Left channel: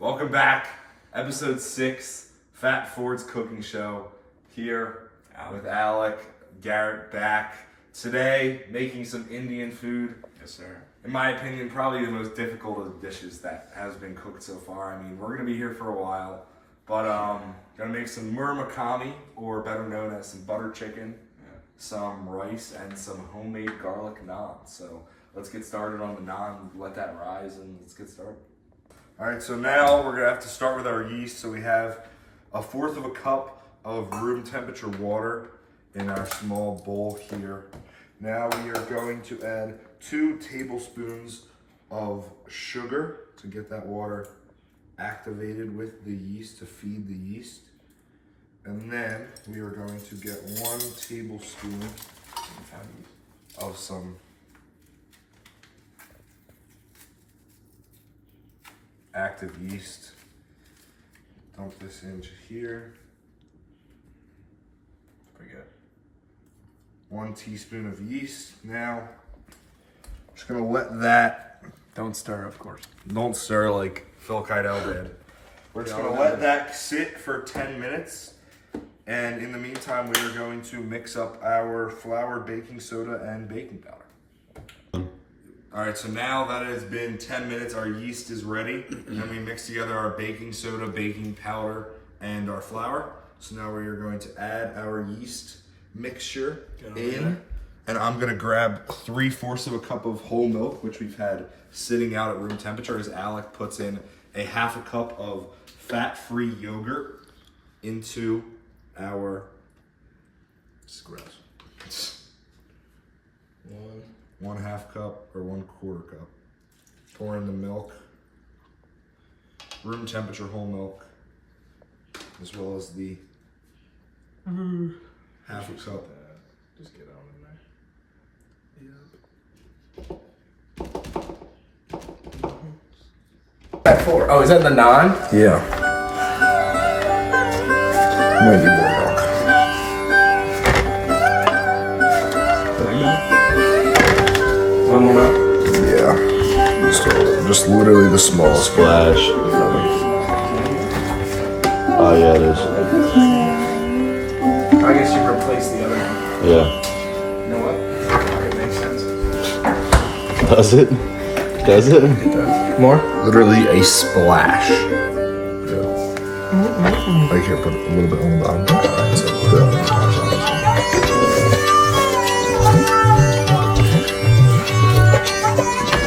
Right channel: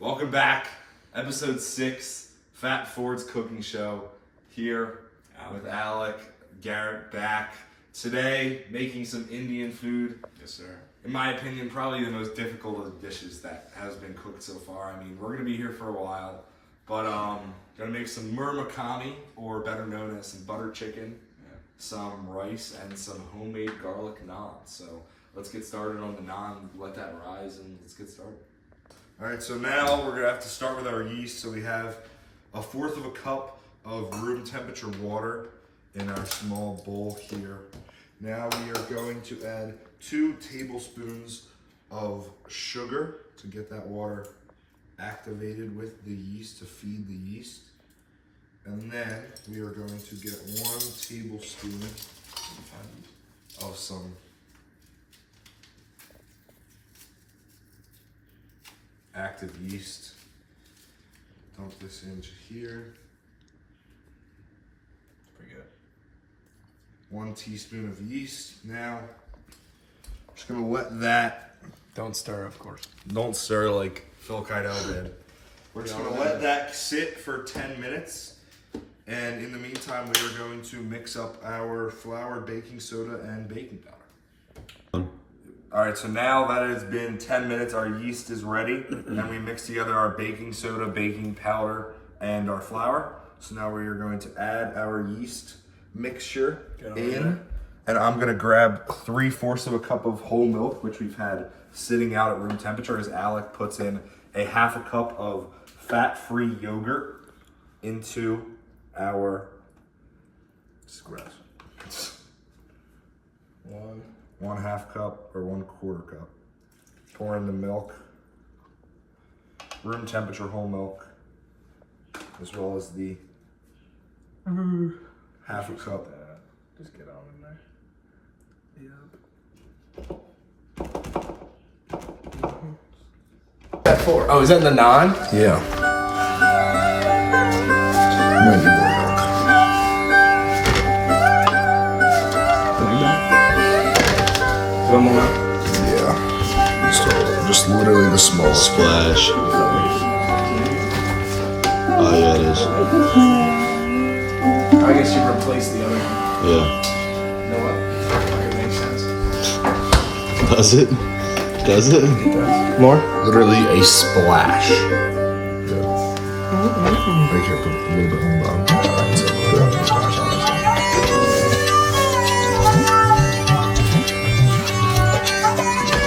Welcome back, episode 6, Fat Ford's Cooking Show, here with Alec, Garrett back. Today, making some Indian food. Yes, sir. In my opinion, probably the most difficult of the dishes that has been cooked so far. I mean, we're gonna be here for a while, but gonna make some murmakami, or better known as some butter chicken, some rice, and some homemade garlic naan. So let's get started on the naan, let that rise, and let's get started. All right, so now we're gonna have to start with our yeast. So we have 1/4 of a cup of room temperature water in our small bowl here. Now we are going to add 2 tablespoons of sugar to get that water activated with the yeast, to feed the yeast. And then we are going to get 1 tablespoon of some active yeast. Dump this into here. Pretty good. 1 teaspoon of yeast. Now, just gonna let that, Don't stir, of course. don't stir like Phil Keitel did. We're just gonna let that sit for 10 minutes. And in the meantime, we are going to mix up our flour, baking soda, and baking powder. All right, so now that has been 10 minutes, our yeast is ready. And we mix together our baking soda, baking powder, and our flour. So now we are going to add our yeast mixture in. And I'm gonna grab 3/4 of a cup of whole milk, which we've had sitting out at room temperature, as Alec puts in a 1/2 cup of fat-free yogurt into our Scratch. 1/2 cup or 1/4 cup. Pour in the milk, room temperature whole milk, as well as the 1/2 cup. Just get on in there. Yep. At 4. Oh, is that the naan? Yeah. Might be more milk. One more. Yeah. Just literally the smallest Splash. Oh yeah, it is. I guess you replace the other one. Yeah. You know what? That makes sense. Does it? Does it? More? Literally a splash. Right here, put a little bit on the bottom.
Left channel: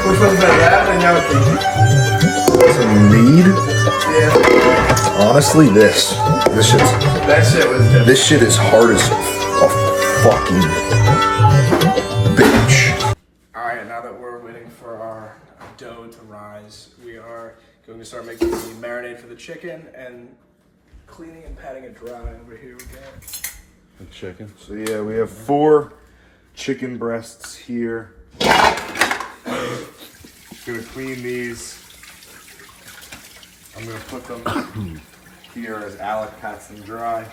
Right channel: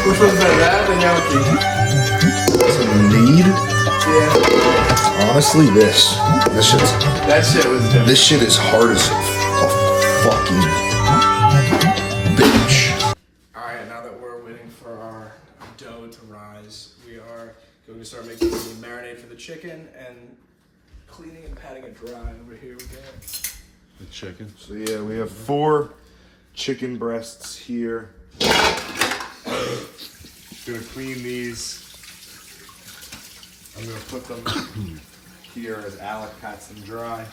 Which one's better, that or now with Some need? Yeah. Honestly, this shit's, That shit was different. this shit is hard as a fucking bitch. Alright, now that we're waiting for our dough to rise, we are going to start making the marinade for the chicken and cleaning and patting it dry over here we go. The chicken. So yeah, we have 4 chicken breasts here. Gonna clean these. I'm gonna put them here as Alec pats them dry.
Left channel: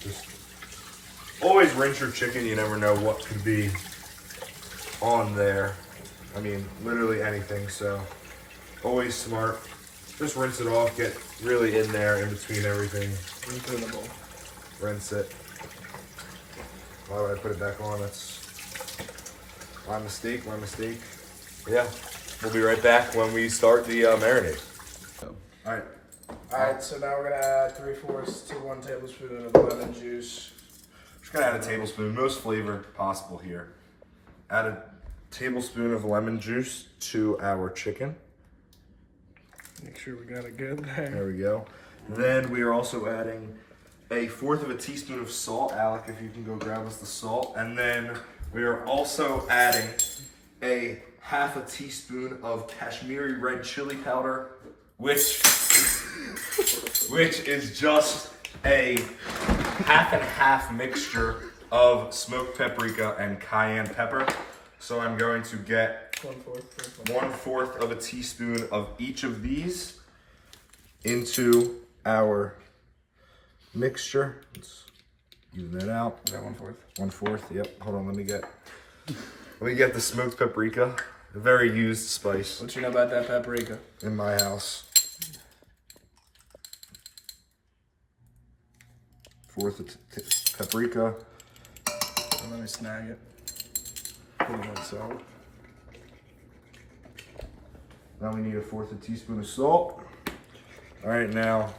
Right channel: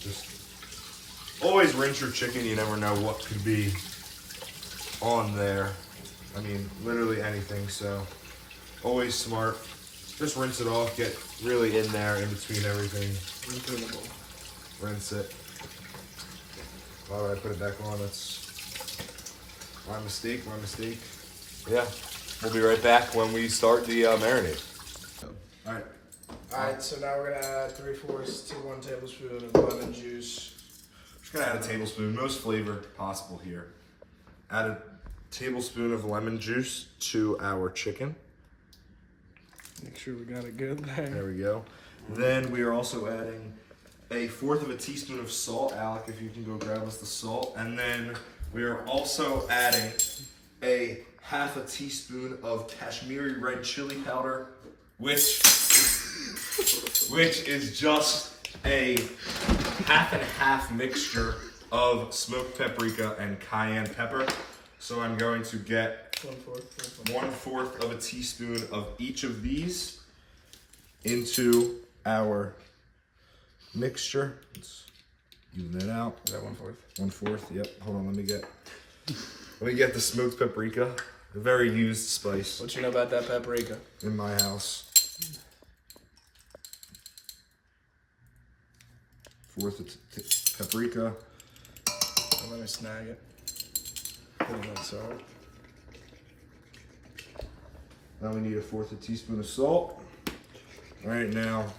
Just always rinse your chicken. You never know what could be on there. I mean, literally anything. So always smart. Just rinse it off. Get really in there, in between everything. Reasonable. Rinse it. Why would I put it back on? That's my mistake. Yeah, we'll be right back when we start the marinade. All right. Alright, so now we're gonna add 3/4 to 1 tablespoon of lemon juice. Just gonna add a tablespoon, most flavor possible here. Add a tablespoon of lemon juice to our chicken. Make sure we got it good there. There we go. Then we are also adding a 1/4 of a teaspoon of salt. Alec, if you can go grab us the salt. And then we are also adding a 1/2 teaspoon of Kashmiri red chili powder, which is just a 1/2 mixture of smoked paprika and cayenne pepper. So I'm going to get 1/4 of a teaspoon of each of these into our mixture. Let's even that out. Is that 1/4? 1/4, yep. Hold on, let me get the smoked paprika. a very used spice What you know about that paprika? in my house. Fourth of paprika. Oh, let me snag it. Put it in salt. Now we need a fourth of a teaspoon of salt. All right, now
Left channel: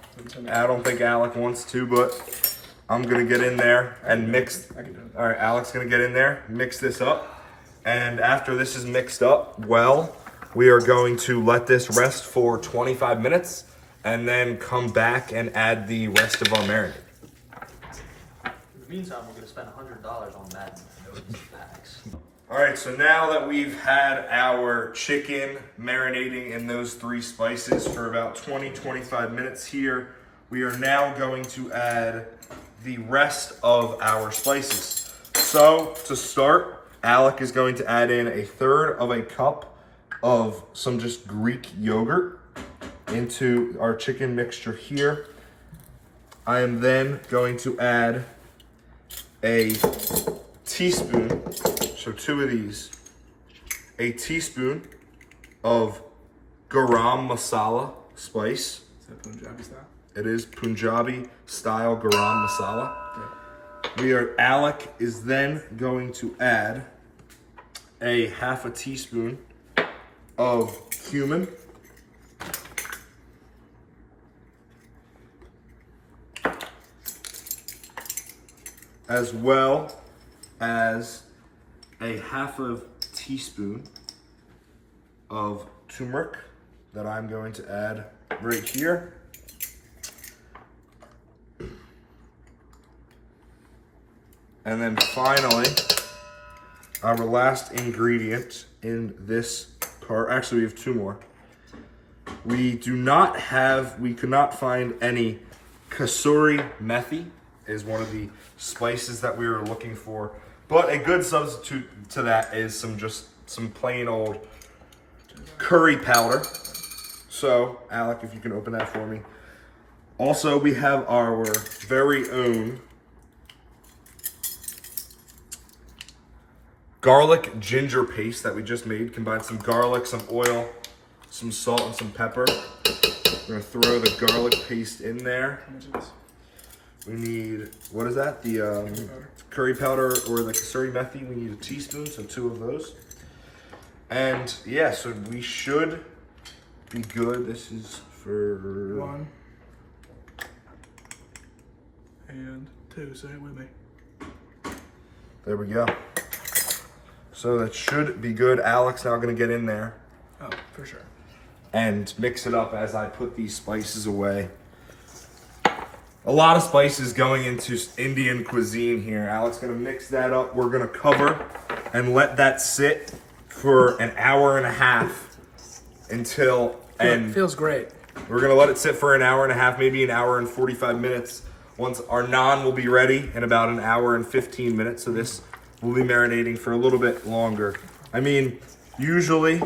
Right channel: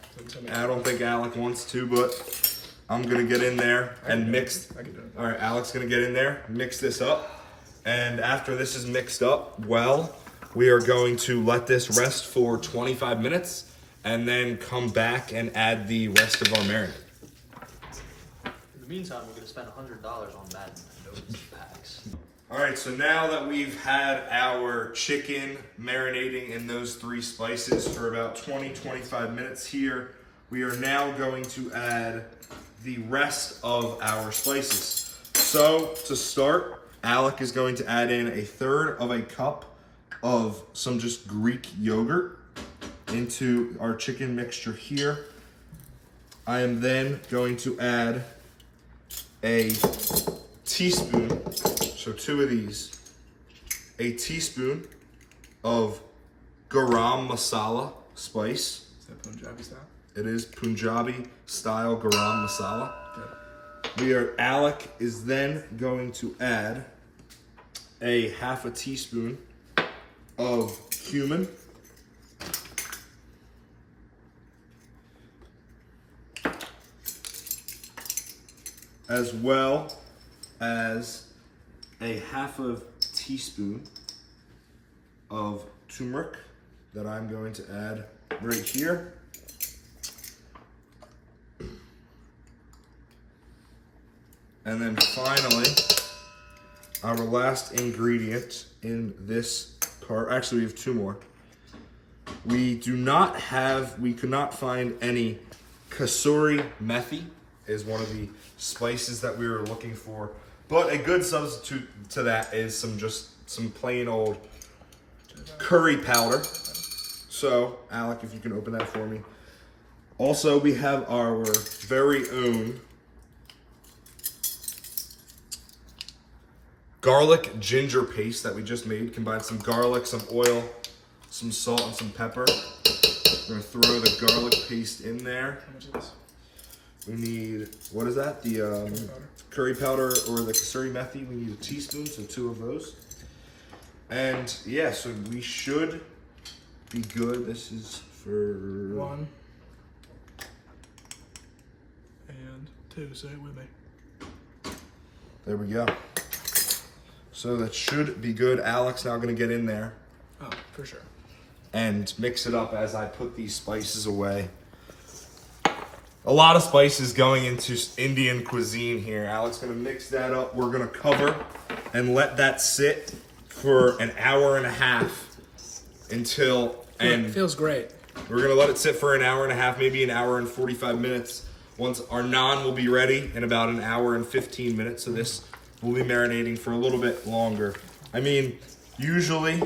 I don't think Alec wants to, but I'm gonna get in there and mix. I can do it. All right, Alec's gonna get in there, mix this up, and after this is mixed up well, we are going to let this rest for 25 minutes, and then come back and add the rest of our marinade. In the meantime, we're going to spend $100 on Madden packs. All right, so now that we've had our chicken marinating in those 3 spices for about 20-25 minutes here, we are now going to add the rest of our spices. So to start, Alec is going to add in 1/3 of a cup of some just Greek yogurt into our chicken mixture here. I am then going to add a teaspoon, so 2 of these, a teaspoon of garam masala spice. Is that Punjabi style? It is Punjabi style garam masala. Alec is then going to add a 1/2 teaspoon of cumin. As well as a 1/2 teaspoon of turmeric that I'm going to add right here. And then finally, our last ingredient in this part, actually we have 2 more. We could not find any kasuri methi, is one of the spices that we were looking for. But a good substitute to that is some plain old curry powder. So, Alec, if you can open that for me. Also, we have our very own garlic ginger paste that we just made. Combine some garlic, some oil, some salt, and some pepper. We're gonna throw the garlic paste in there. How much of this? We need, what is that? The curry powder or the kasuri methi. We need a teaspoon, so 2 of those. And yeah, so we should be good. This is for 1 and 2. Say it with me. There we go. So that should be good. Alec's now gonna get in there Oh, for sure. and mix it up as I put these spices away. A lot of spices going into Indian cuisine here. Alec's gonna mix that up. We're gonna cover and let that sit for an hour and a half until, and Feels great. we're gonna let it sit for an hour and a half, maybe an hour and 45 minutes. Once our naan will be ready in about an hour and 15 minutes. So this will be marinating for a little bit longer. I mean, usually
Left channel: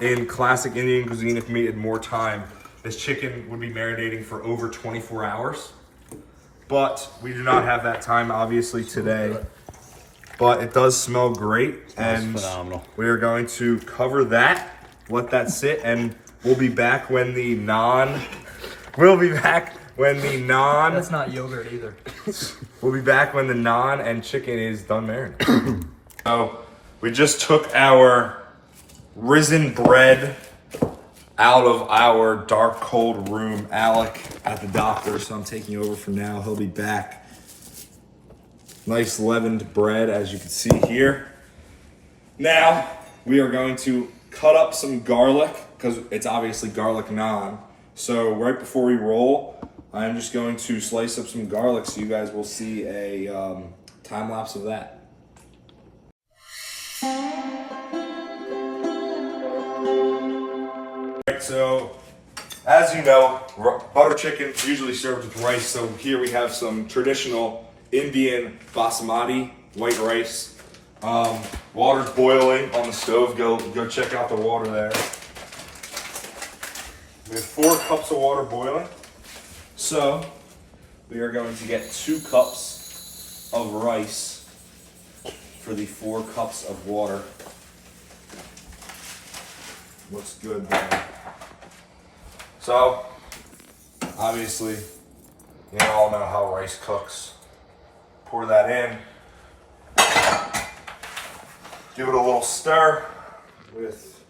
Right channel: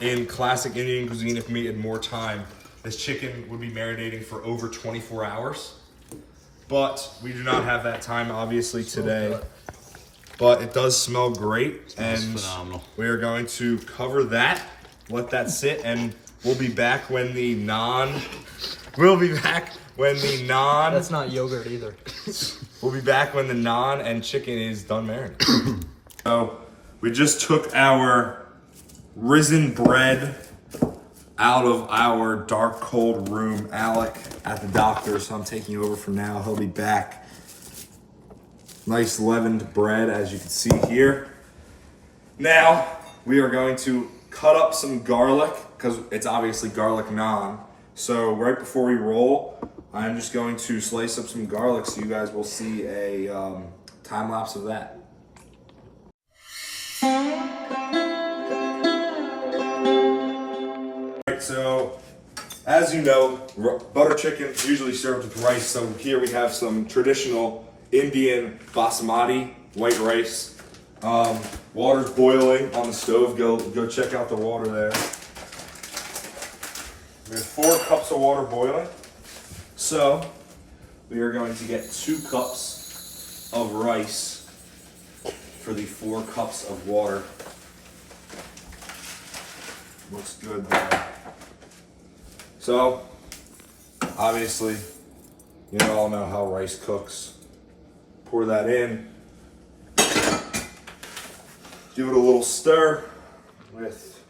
in classic Indian cuisine, if we needed more time, this chicken would be marinating for over 24 hours. But we do not have that time, obviously, today. But it does smell great. Smells And phenomenal. we are going to cover that, let that sit, and we'll be back when the naan... We'll be back when the naan... That's not yogurt either. We'll be back when the naan and chicken is done marinating. So we just took our risen bread out of our dark, cold room. Alec at the doctor, so I'm taking over for now. He'll be back. Nice leavened bread, as you can see here. Now we are going to cut up some garlic, because it's obviously garlic naan. So right before we roll, I'm just going to slice up some garlic so you guys will see a time lapse of that. Alright, so as you know, butter chicken is usually served with rice. So here we have some traditional Indian basmati white rice. Water's boiling on the stove. Go check out the water there. We have 4 cups of water boiling. So we are going to get 2 cups of rice for the 4 cups of water. Looks good there. So, obviously, you all know how rice cooks. Pour that in. Give it a little stir with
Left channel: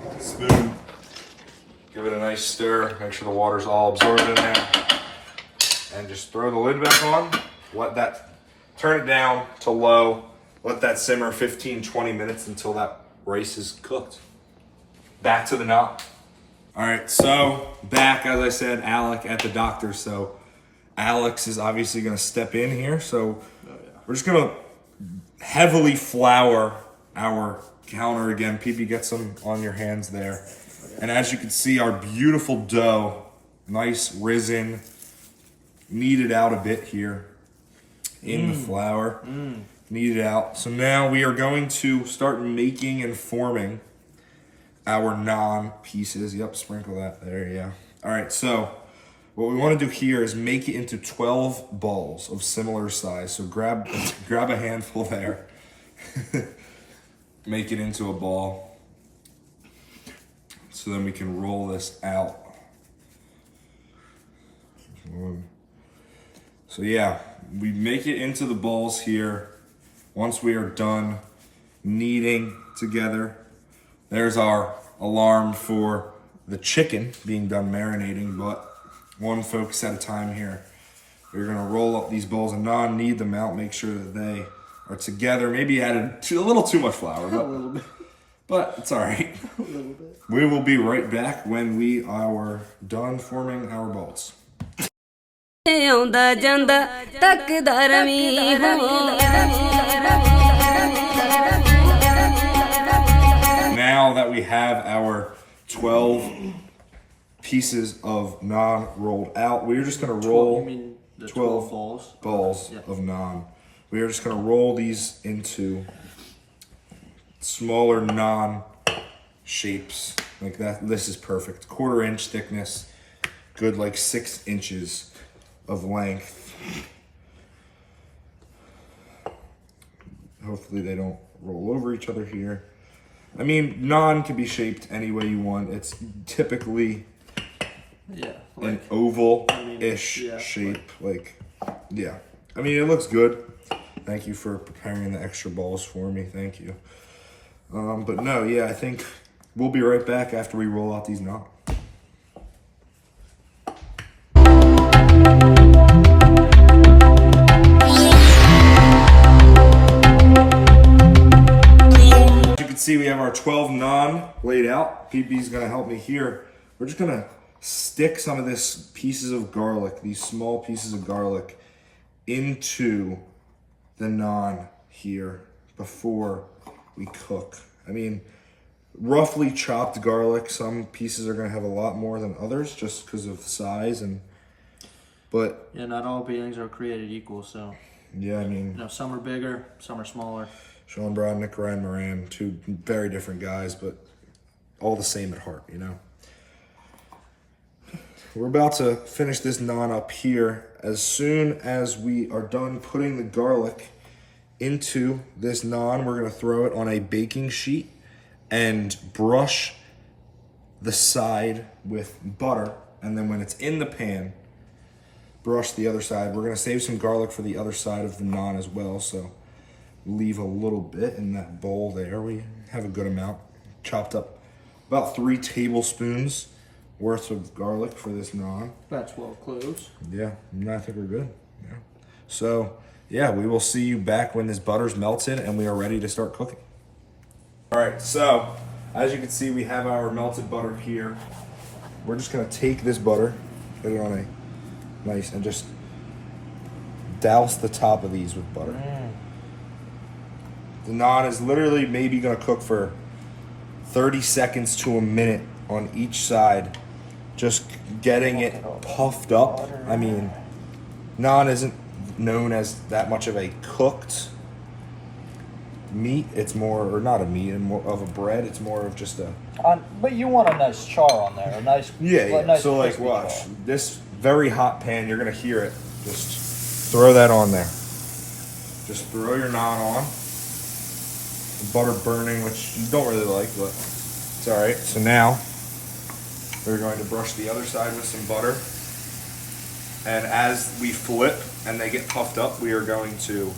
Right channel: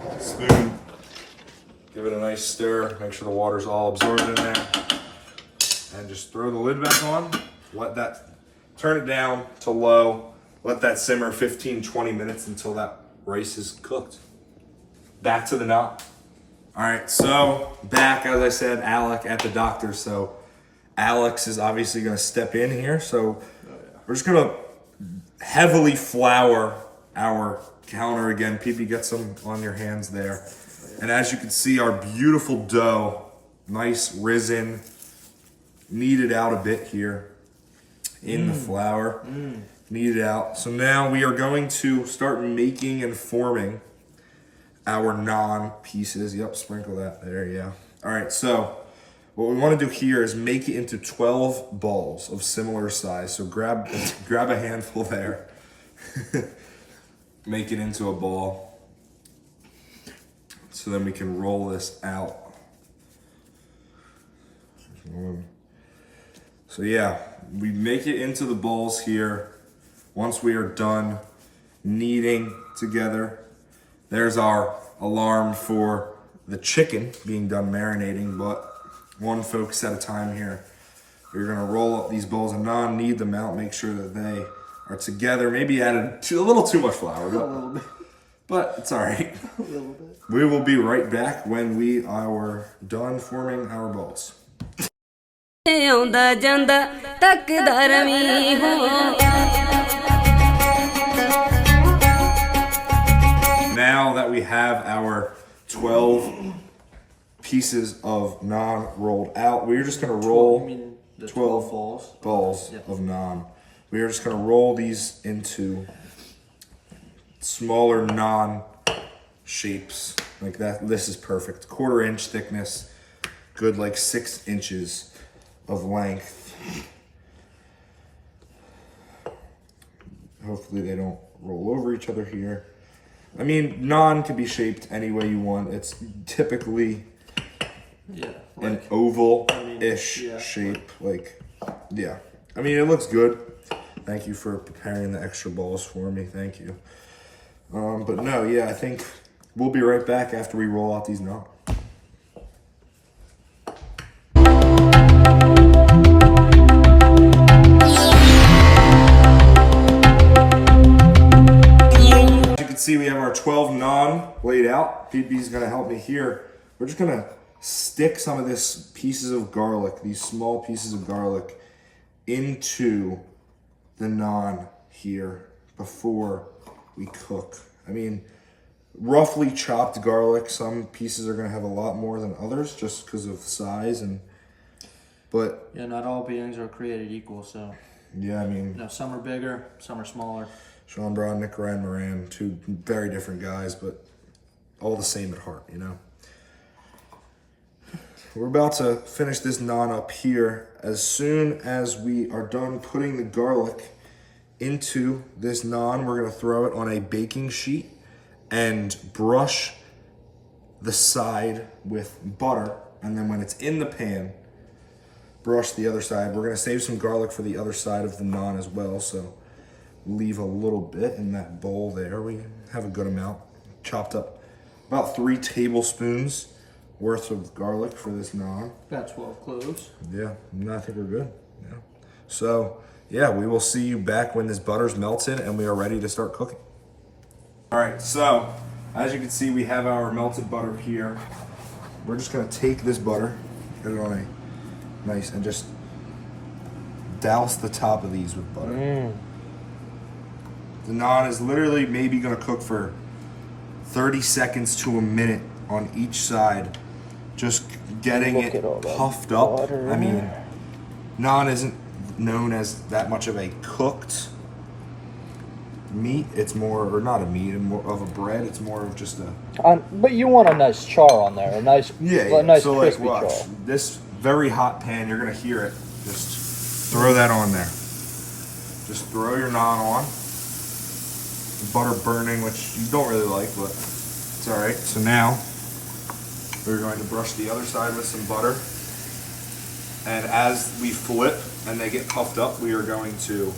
a spoon. Give it a nice stir. Make sure the water's all absorbed in there. And just throw the lid back on. Turn it down to low. Let that simmer 15-20 minutes until that rice is cooked. Back to the knot. All right, so back, as I said, Alec at the doctor. So Alex is obviously going to step in here. So we're just going to heavily flour our counter again. PP, get some on your hands there. And as you can see, our beautiful dough, nice risen, kneaded out a bit here in the flour. Kneaded out. So now we are going to start making and forming our naan pieces. Yep, sprinkle that there, yeah. All right, so what we want to do here is make it into 12 balls of similar size. So grab a handful there. Make it into a ball. So then we can roll this out. So yeah, we make it into the balls here. Once we are done kneading together, there's our alarm for the chicken being done marinating, but one focus at a time here. We're gonna roll up these balls of naan, knead them out, make sure that they are together. Maybe added a little too much flour, but it's all right. We will be right back when we are done forming our balls. Now that we have our 12 pieces of naan rolled out, we're just going to roll 12 balls of naan. We are just going to roll these into smaller naan shapes like that. This is perfect. 1/4 inch thickness, good like 6 inches of length. Hopefully they don't roll over each other here. I mean, naan can be shaped any way you want. It's typically an oval-ish shape. Yeah. I mean, it looks good. Thank you for preparing the extra balls for me. Thank you. But no, yeah, I think we'll be right back after we roll out these naan. See, we have our 12 naan laid out. PP's gonna help me here. We're just gonna stick some of this pieces of garlic, these small pieces of garlic, into the naan here before we cook. I mean, roughly chopped garlic. Some pieces are gonna have a lot more than others just because of size but yeah, not all beings are created equal, so yeah, I mean, some are bigger, some are smaller. Sean Brown, Nick Ryan Moran, two very different guys, but all the same at heart, you know? We're about to finish this naan up here. As soon as we are done putting the garlic into this naan, we're gonna throw it on a baking sheet and brush the side with butter. And then when it's in the pan, brush the other side. We're gonna save some garlic for the other side of the naan as well, so leave a little bit in that bowl there. We have a good amount chopped up, about 3 tablespoons worth of garlic for this naan. About 12 cloves. Yeah, I think we're good. Yeah. So yeah, we will see you back when this butter's melted and we are ready to start cooking. All right, so as you can see, we have our melted butter here. We're just gonna take this butter, put it on a nice, and just douse the top of these with butter. The naan is literally maybe gonna cook for 30 seconds to a minute on each side, just getting it puffed up. I mean, naan isn't known as that much of a cooked meat. It's more, or not a meat, more of a bread. It's more of just a. But you want a nice char on there, a nice, Yeah. nice So like, crispy watch char. this very hot pan. You're gonna hear it. Just throw that on there. Just throw your naan on. butter burning, which you don't really like, but it's all right. So now we're going to brush the other side with some butter. And as we flip and they get puffed up, we are going to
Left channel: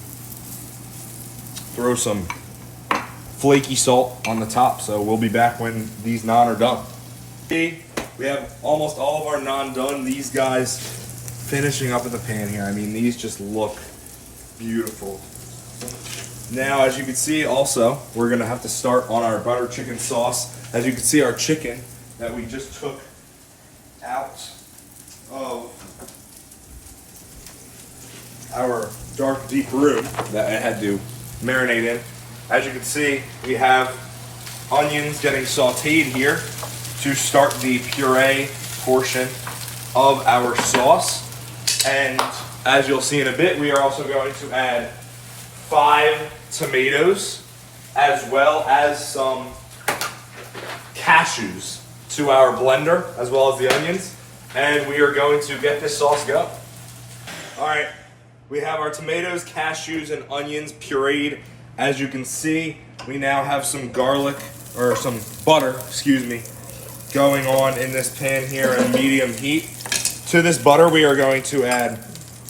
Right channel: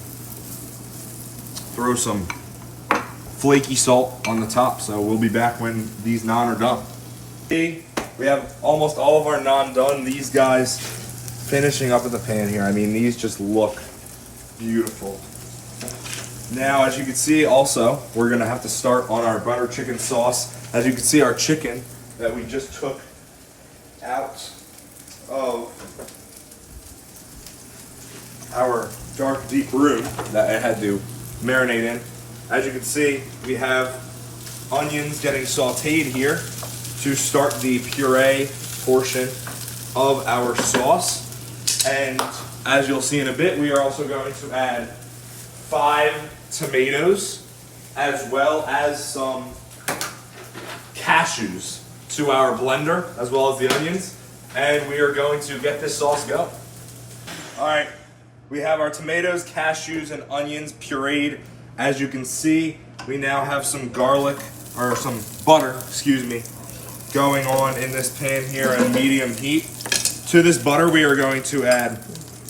throw some flaky salt on the top. So we'll be back when these naan are done. See, we have almost all of our naan done. These guys finishing up in the pan here. I mean, these just look beautiful. Now, as you can see, also, we're gonna have to start on our butter chicken sauce. As you can see, our chicken that we just took out of our dark deep room that I had to marinate in. As you can see, we have onions getting sauteed here to start the puree portion of our sauce. And as you'll see in a bit, we are also going to add 5 tomatoes as well as some cashews to our blender, as well as the onions. And we are going to get this sauce going. All right, we have our tomatoes, cashews, and onions pureed. As you can see, we now have some garlic, or some butter, excuse me, going on in this pan here at medium heat. To this butter, we are going to add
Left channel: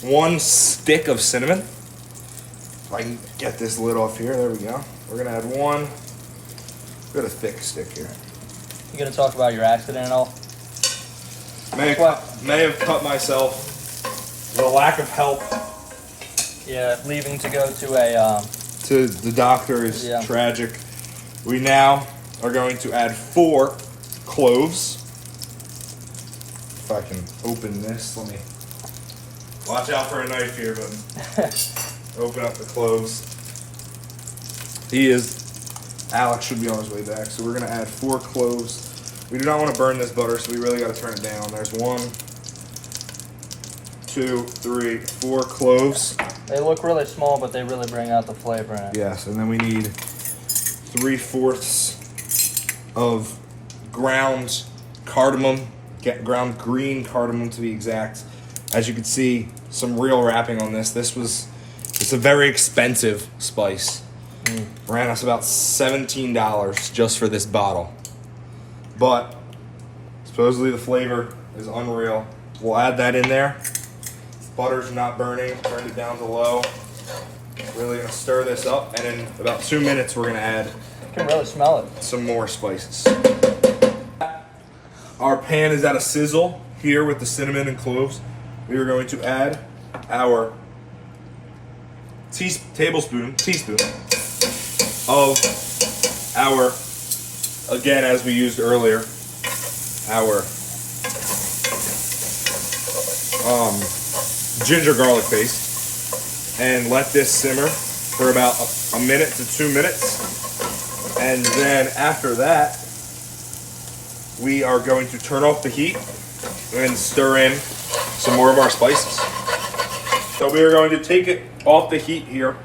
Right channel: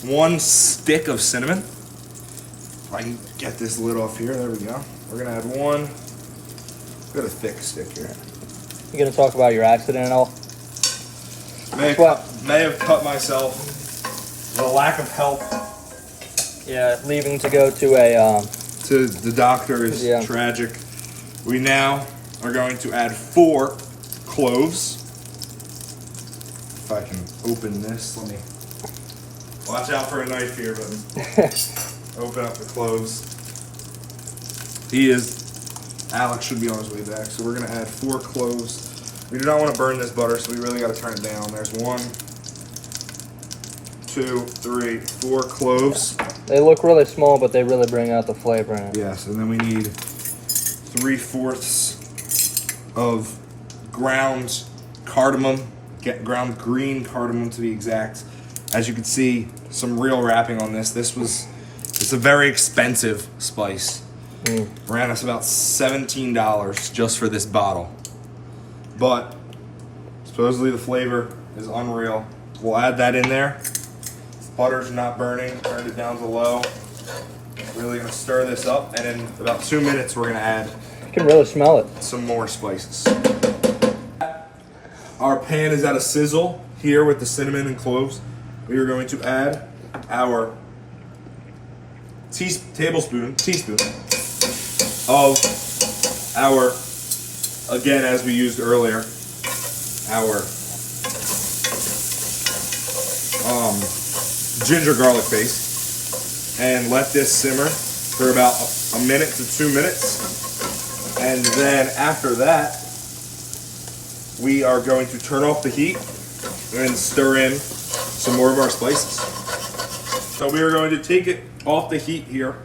1 stick of cinnamon. If I can get this lid off here, there we go. We're gonna add 1, got a thick stick here. You gonna talk about your accident and all? May have cut myself. The lack of help Yeah, leaving to go to a to the doctor is Yeah. tragic. We now are going to add 4 cloves. If I can open this, let me watch out for a knife here, but open up the cloves. Alex should be on his way back. So we're gonna add 4 cloves. We do not want to burn this butter, so we really got to turn it down. There's 1, 2, 3, 4 cloves. They look really small, but they really bring out the flavor in it. Yes, and then we need 3/4 of ground cardamom, ground green cardamom to be exact. As you can see, some real wrapping on this. It's a very expensive spice. Ran us about $17 just for this bottle. But supposedly the flavor is unreal. We'll add that in there. Butter's not burning, turned it down to low. Really gonna stir this up, and in about 2 minutes we're gonna add You can really smell it. some more spices. Our pan is at a sizzle here with the cinnamon and cloves. We are going to add our teaspoon of our, again, as we used earlier, our ginger garlic paste, and let this simmer for about a minute to 2 minutes. And then after that, we are going to turn off the heat and stir in some more of our spices. So we are going to take it off the heat here,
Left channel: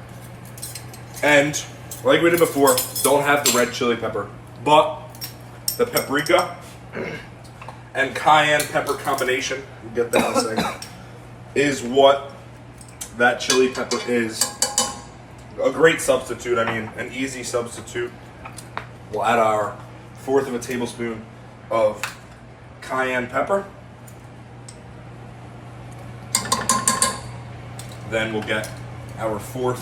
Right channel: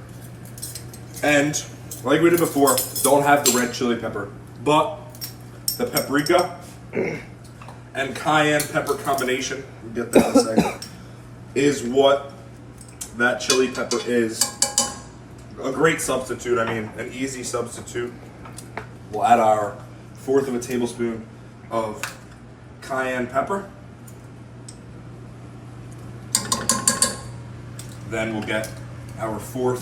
and like we did before, don't have the red chili pepper, but the paprika and cayenne pepper combination, we'll get that in a second, is what that chili pepper is. A great substitute, I mean, an easy substitute. We'll add our 1/4 of a tablespoon of cayenne pepper. Then we'll get our 1/4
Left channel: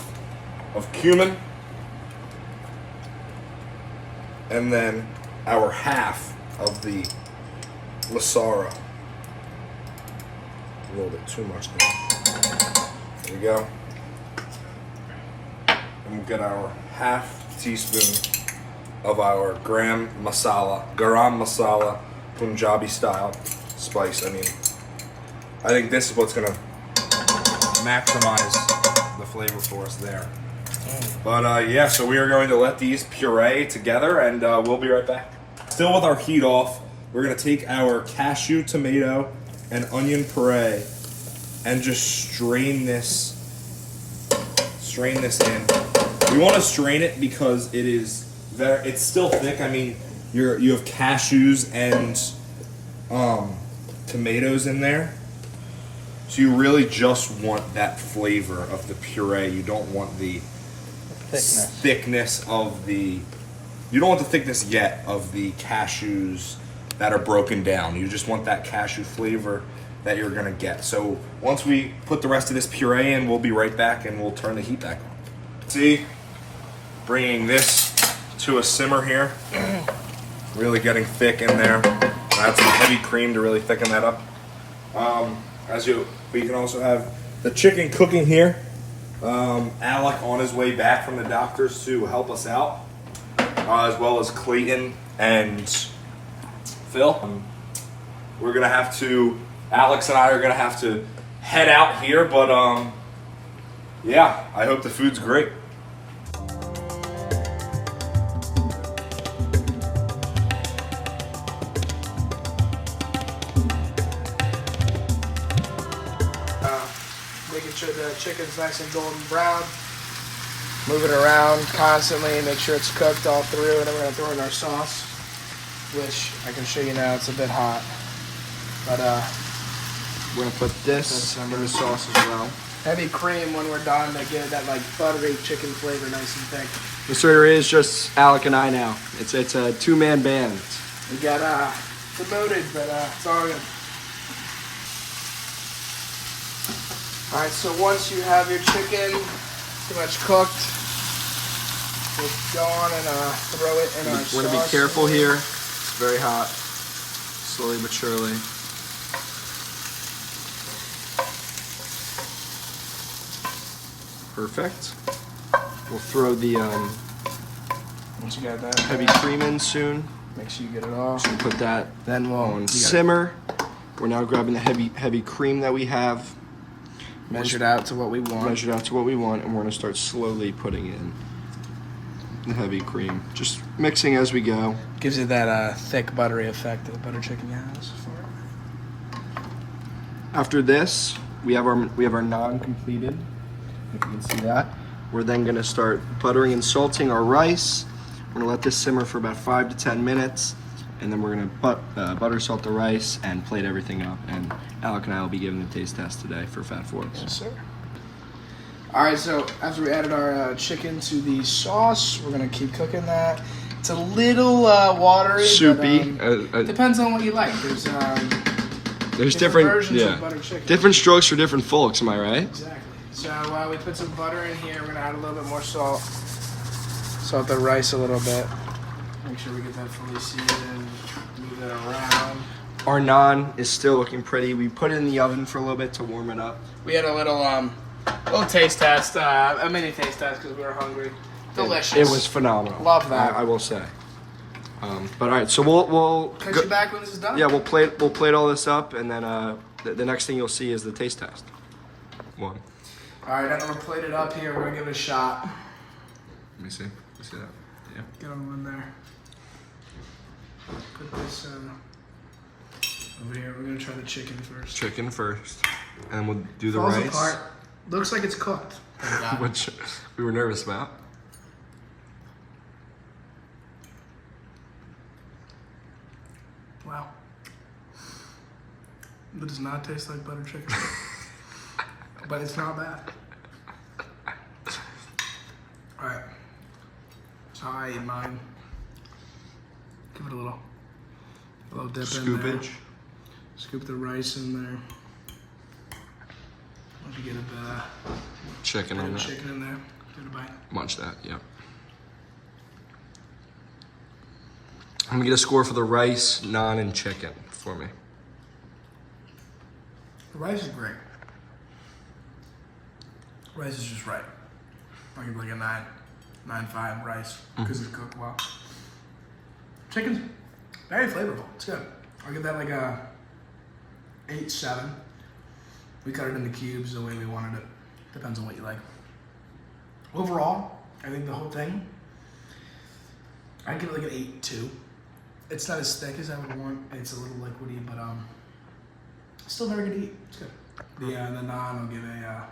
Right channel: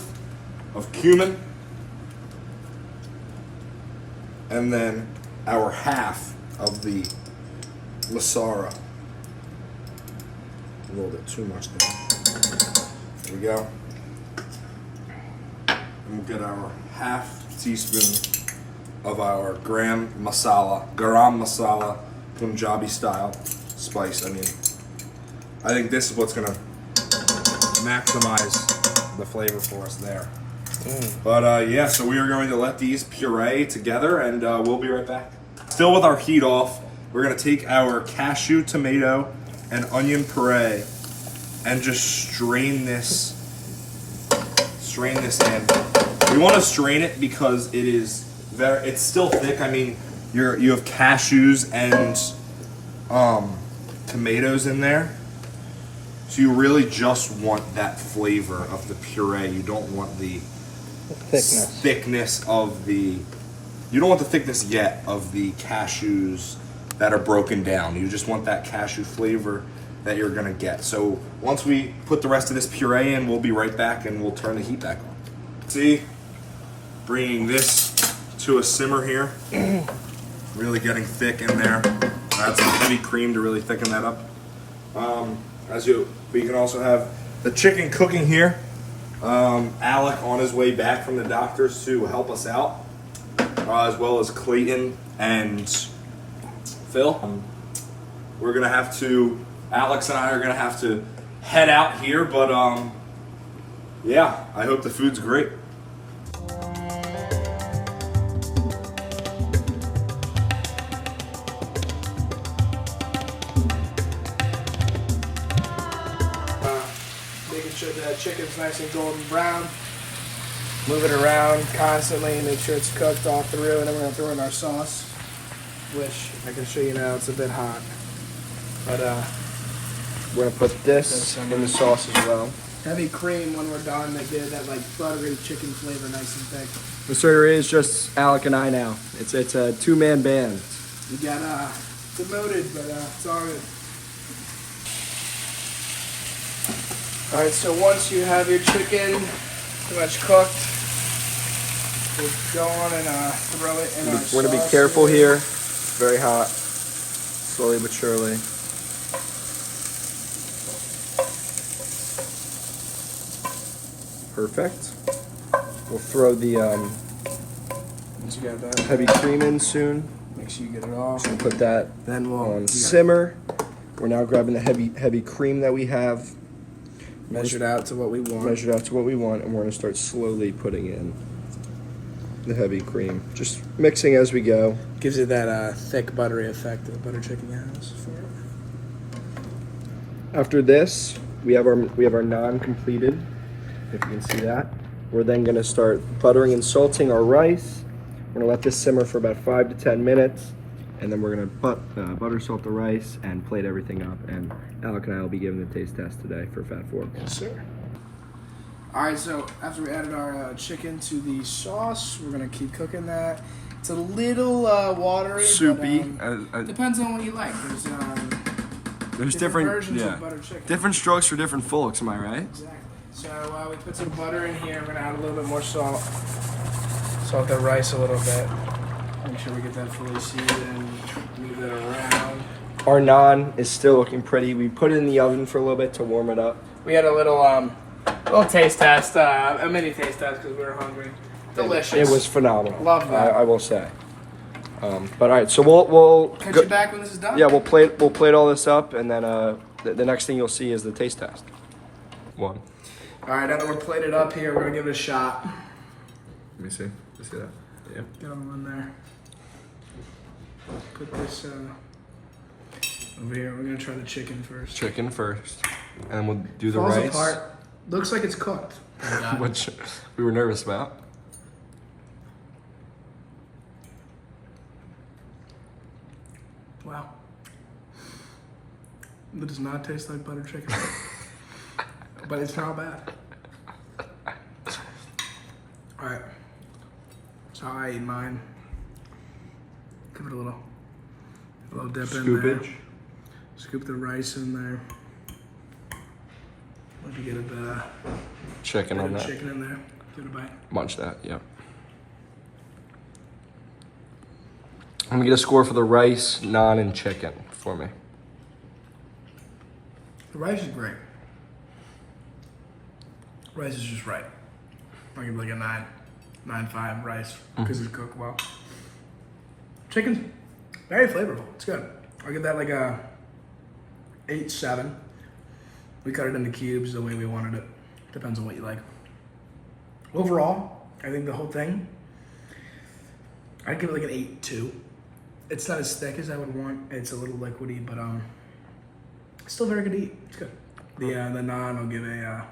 of cumin. And then our 1/2 of the masala. A little bit too much now. There we go. And we'll get our 1/2 teaspoon of our garam masala, Punjabi style spice. I mean, I think this is what's gonna maximize the flavor for us there. But yeah, so we are going to let these puree together, and we'll be right back. Still with our heat off, we're gonna take our cashew, tomato, and onion puree and just strain this in. We want to strain it because it's still thick. I mean, you have cashews and tomatoes in there, so you really just want that flavor of the puree. You don't want the thickness of the. You don't want the thickness yet of the cashews that are broken down. You just want that cashew flavor that you're gonna get. So once we put the rest of this puree in, we'll be right back and we'll turn the heat back on. See, bringing this to a simmer here. Really getting thick in there. Add some heavy cream to really thicken that up. We can also have the chicken cooking here. Alec on his way back from the doctors to help us out, as well as Clayton and Phil. We're gonna have to, Alex and I are gonna have to head out here, but yeah, I hope the food's great. Making sure the chicken's nice and golden brown. Move it around constantly, make sure it's cooked all through, and then we're gonna throw in our sauce, which I can show you now, it's a bit hot. But we're gonna put this in the sauce as well. Heavy cream when we're done to give it that like buttery chicken flavor, nice and thick. The starter is just Alec and I now. It's a two-man band. We got demoted, but it's all good. All right, so once you have your chicken pretty much cooked, we'll go on and throw it in our sauce. We're gonna be careful here. It's very hot. Slowly but surely. Perfect. We'll throw the Once you got that, heavy cream in soon. make sure you get it all. So we'll put that Then we'll on simmer. We're now grabbing the heavy cream that we have. measure it out to what we want. Measured out to what we want, and we're gonna start slowly putting in the heavy cream. Just mixing as we go. Gives it that thick, buttery effect that butter chicken has. After this, we have our naan completed. If you can see that, we're then gonna start buttering and salting our rice. We're gonna let this simmer for about 5 to 10 minutes, and then we're gonna butter salt the rice and plate everything up. And Alec and I will be giving the taste test today for Fat Forks. Yes, sir. All right, so after we added our chicken to the sauce, we're gonna keep cooking that. It's a little watery, Soupy. But, depends on what you like. There's different versions of butter chicken. different strokes for different folks. Am I right? Exactly. So we put some butter in here. We're gonna add a little bit more salt. Salt the rice a little bit. Make sure we get that fully seasoned and move that around. Our naan is still looking pretty. We put it in the oven for a little bit to warm it up. We had a little taste test, a mini taste test because we were hungry. Delicious. It was phenomenal. Love that. I will say. But all right, so we'll Catch go, you back when this is done. yeah, we'll plate all this up, and then the next thing you'll see is the taste test. One. All right, now that we're plated up here, we're gonna give it a shot. Let me see. You see that? Yeah. Get them in there. Put this over here. We're gonna try the chicken first. Chicken first, and we'll do the Falls rice, apart. Looks like it's cooked. which we were nervous about. Wow. It does not taste like butter chicken. But it's not bad. Alright. So I eat mine. Give it a little dip in there. Scoopage. Scoop the rice in there. Let me get a Chicken on that. chicken in there. Get a bite. Munch that. Yep. I'm gonna get a score for the rice, naan, and chicken for me. The rice is great. Rice is just right. I'll give it like a 9.5 rice because it's cooked well. Chicken's very flavorful. It's good. I'll give that like a 8-7. We cut it into cubes the way we wanted it. Depends on what you like. Overall, I think the whole thing, I'd give it like an 8-2. It's not as thick as I would want. It's a little liquidy, but still very good to eat. It's good. The naan, I'll give a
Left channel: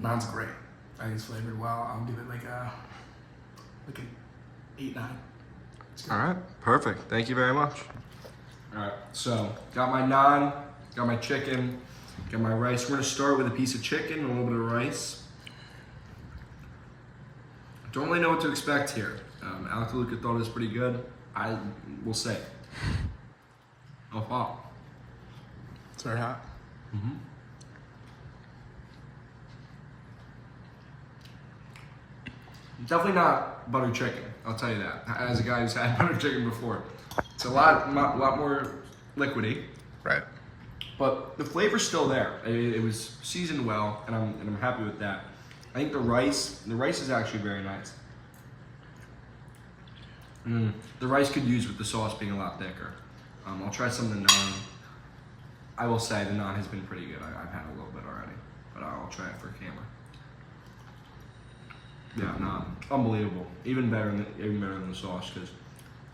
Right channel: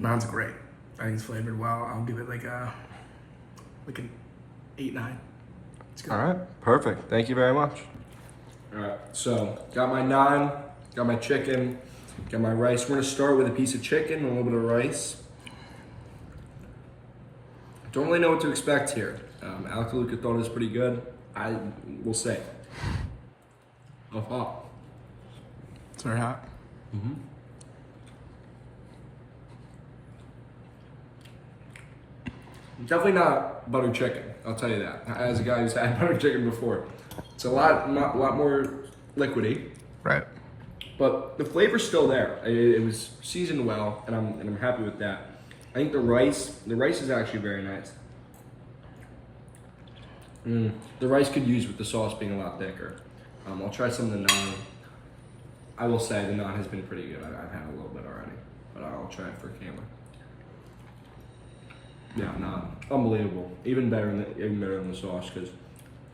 naan's great. I think it's flavored well. I'll give it like an 8-9. It's good. All right, perfect. Thank you very much. All right, so got my naan, got my chicken, got my rice. We're gonna start with a piece of chicken and a little bit of rice. Don't really know what to expect here. Alka Luka thought it was pretty good. I will say. Oh, wow. It's very hot. Definitely not butter chicken. I'll tell you that. As a guy who's had butter chicken before, it's a lot more liquidy, Right. but the flavor's still there. It was seasoned well, and I'm happy with that. I think the rice is actually very nice. The rice could use with the sauce being a lot thicker. I'll try some of the naan. I will say the naan has been pretty good. I've had a little bit already, but I'll try it for camera. Yeah, naan, unbelievable. Even better than the sauce, because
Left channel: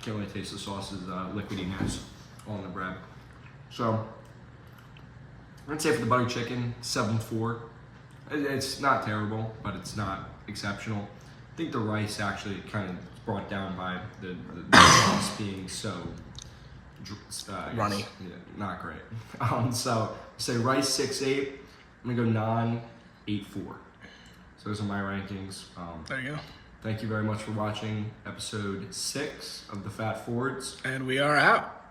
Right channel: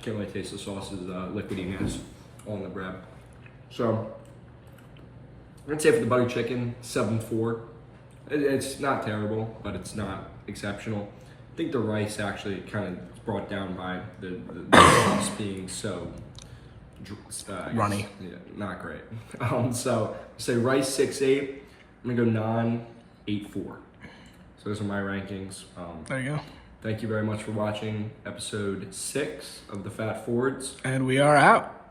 can't really taste the sauce's liquidiness on the bread. So I'd say for the butter chicken, 7.4. It's not terrible, but it's not exceptional. I think the rice actually kind of brought down by the sauce being so Runny. yeah, not great. So say rice 6.8. I'm gonna go naan 8.4. So those are my rankings. There you go. Thank you very much for watching episode 6 of the Fat Fords. And we are out.